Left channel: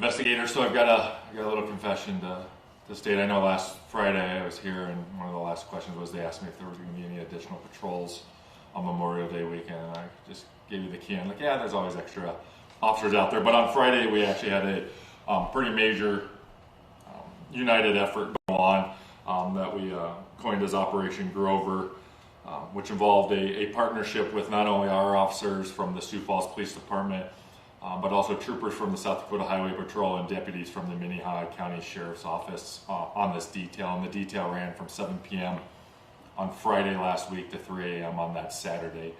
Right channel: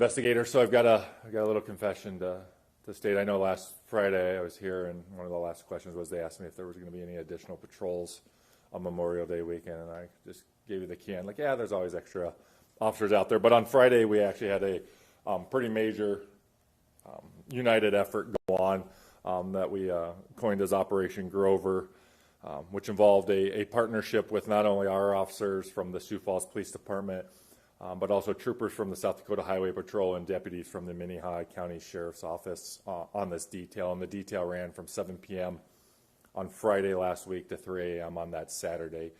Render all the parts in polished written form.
Investigator, so I got a little confession to state. I know last Friday I was here, and one of the last questions was they asked me if there was going to be any additional patrols on Memorial Day weekend, and I just gave you the key. I'm like, yeah, there's always extra officers out there. But on Friday we actually had a pretty major united effort go on that we coined as Operation Grover, which involved a partnership with not only our officers from the Sioux Falls Police Department, but also troopers from the South Dakota Highway Patrol and deputies from the Minnehaha County Sheriff's Office on this detail. And the detail ran from 7 p.m. on Friday last week to 3 a.m. on that Saturday.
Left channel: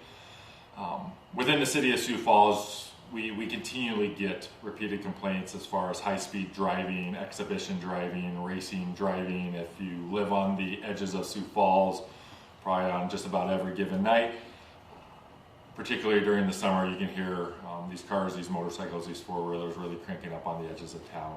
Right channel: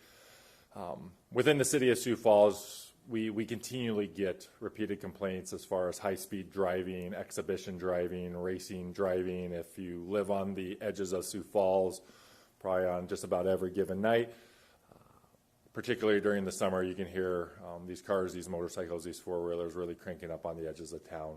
Within the city of Sioux Falls, we continually get repeated complaints as far as high-speed driving, exhibition driving, racing driving. If you live on the edges of Sioux Falls, probably on just about every given night, particularly during the summer, you can hear these cars, these motorcycles, these four-wheelers really cranking up on the edges of town.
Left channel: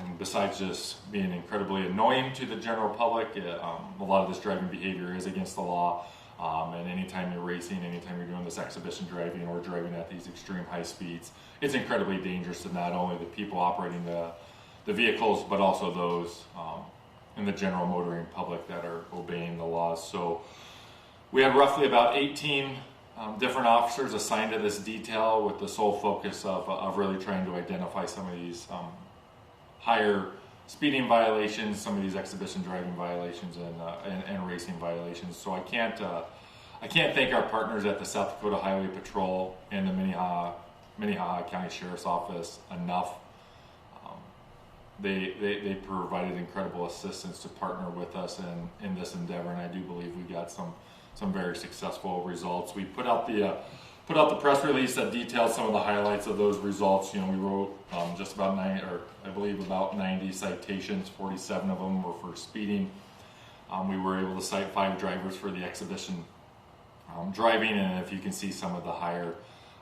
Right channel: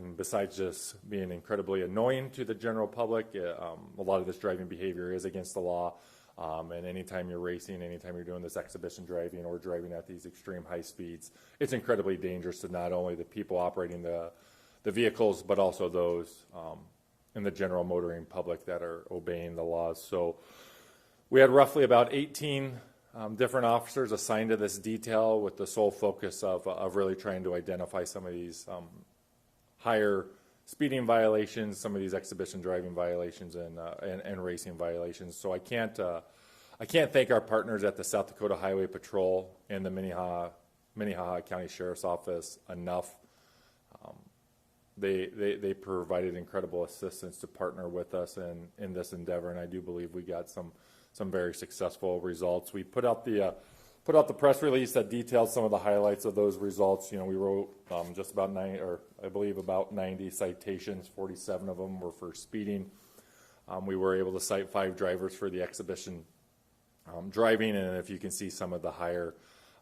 And besides just being incredibly annoying to the general public, a lot of this driving behavior is against the law. And anytime you're racing, anytime you're doing this exhibition driving or driving at these extreme high speeds, it's incredibly dangerous to not only the people operating the vehicles, but also those in the general motoring public that are obeying the laws. So we had roughly about 18 different officers assigned to this detail with the sole focus of really trying to identify some of these higher speeding violations, some of these exhibition driving violations, and racing violations. So I can't thank our partners at the South Dakota Highway Patrol and the Minnehaha County Sheriff's Office enough. They provided incredible assistance to partner with us in this endeavor, and I do believe we got some very successful results. We put out the press release that detailed some of the highlights of those results. You know, we wrote just about about 90 citations. 47 of them were for speeding. We were able to cite 5 drivers for the exhibition driving, and if you can see some of the higher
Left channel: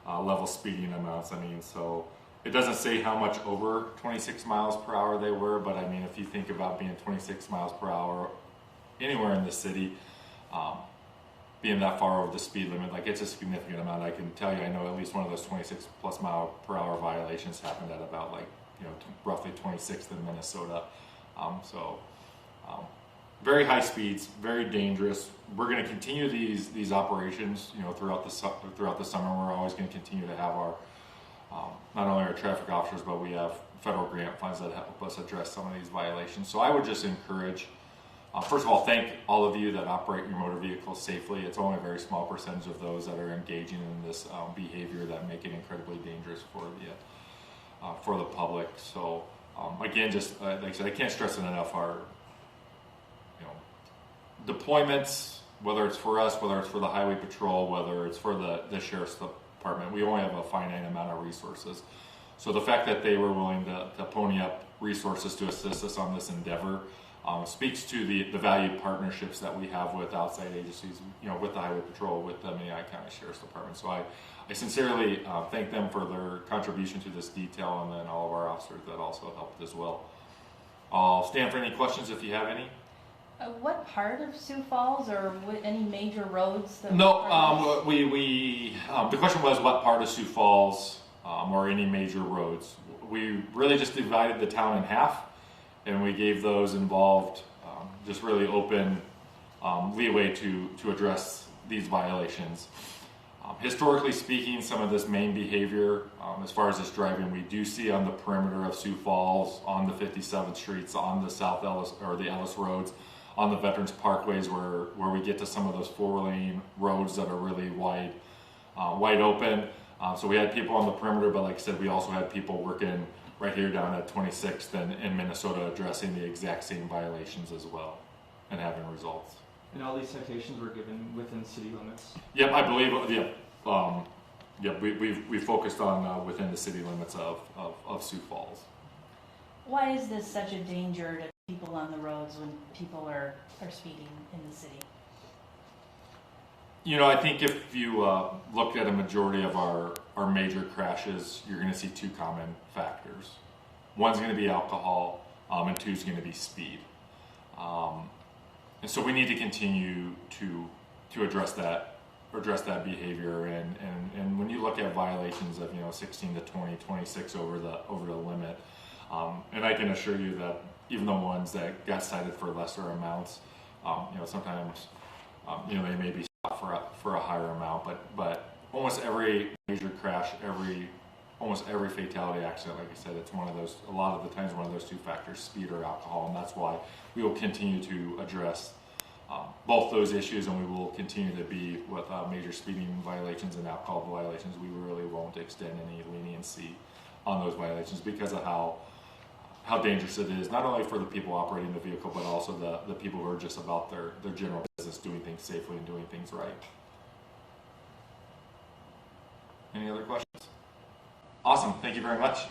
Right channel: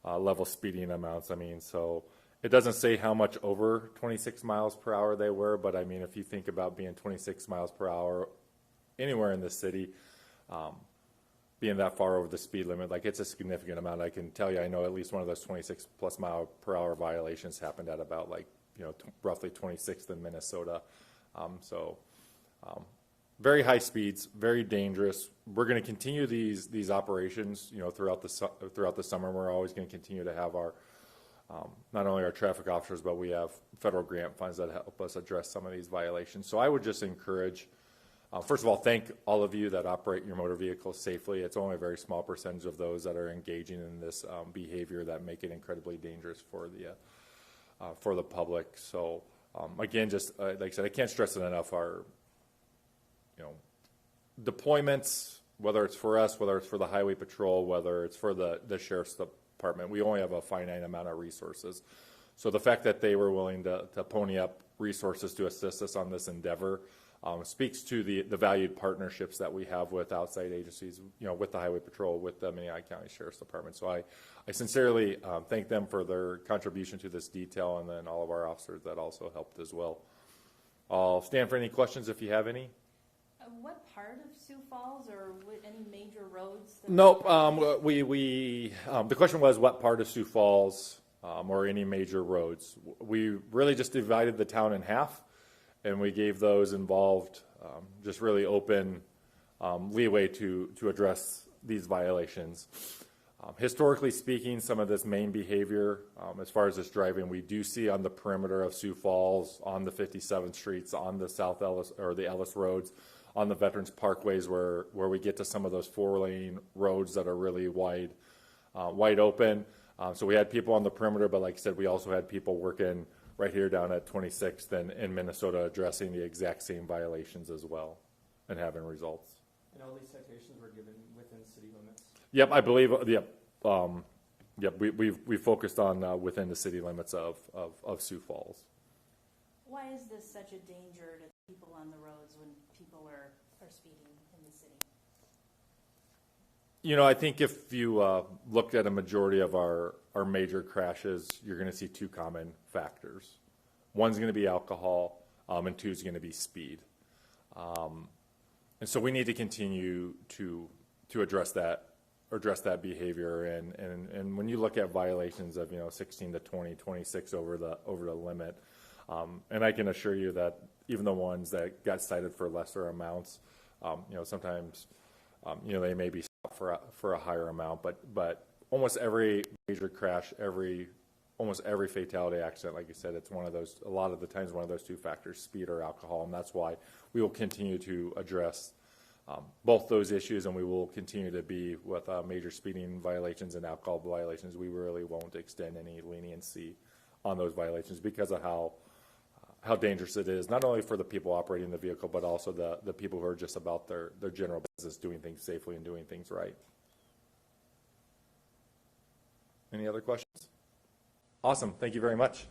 level speeding amounts, I mean, so it doesn't say how much over 26 miles per hour they were, but I mean, if you think about being 26 miles per hour anywhere in the city, being that far over the speed limit, like, it's a significant amount. I can tell you, I know at least one of those 26 plus mile per hour violations happened at about, like, you know, roughly 26th in Minnesota. Very high speeds, very dangerous. We're going to continue these operations, you know, throughout the summer. We're always going to continue to have our not only our traffic officers, but we have federal grant funds that help us address some of these violations. So I would just encourage, first of all, thank all of you that operate your motor vehicles safely. It's only a very small percentage of those that are engaging in this behavior that make it incredibly dangerous for the public. So again, just like I said, I can't stress it enough. Our deployments, whether it's for us, whether it's for the Highway Patrol, whether it's for the Sheriff's Department, we only have a finite amount of resources. So the fact that they were willing to pony up resources to assist us on this endeavor speaks to the valued partnerships that we have with outside agencies, you know, with the Highway Patrol, with the Minnehaha County Sheriff's Department. So I sincerely thank them for their contribution to this detail, and then all of our officers that also helped as well. I'll stand for any questions if you have any. What part of Sioux Falls, or any major roads? No, the question was what part of Sioux Falls, or any major roads. We really just divided the town in half, and we gave those involved just really open leeway to address these violations. Historically speaking, some of this main behavior, as far as this driving, we do see on the perimeter of Sioux Falls, on the 57th streets, on the South Ellis or the Ellis roads, on the Veterans Parkways, where we get to some of those 4-lane roads that are really wide open. So we had people on the perimeter, but like I said, we also had people working right here down at 26th and in Minnesota addressing the exact same violations as well and having results. And all these citations were given within city limits? Yep, I believe, we focused on within the city limits of Sioux Falls. Why is this such a danger to people on the roads when people are speeding in the city? You know, I think if you look at a majority of our major crashes, you're going to see 2 common factors. One's going to be alcohol, and 2 is going to be speed. And so we need to continue to address that address that behavior. And when you look at violations of 16 to 20, 26 over the limit, and I can assure you that even the ones that got cited for lesser amounts, sometimes they may be stopped for a higher amount, but almost every major crash, almost every fatality accident, like you said, it's a lot of the times one of those two factors, speed or alcohol, and that's why we will continue to address both those issues, and we will continue to be with major speeding violations and alcohol violations. We really won't extend any leniency on those violations because of how dangerous it is, not only for the people operating the vehicle, but also the people who are just about their general business, doing things safely and doing things right. Any other questions? Awesome. Thank you very much.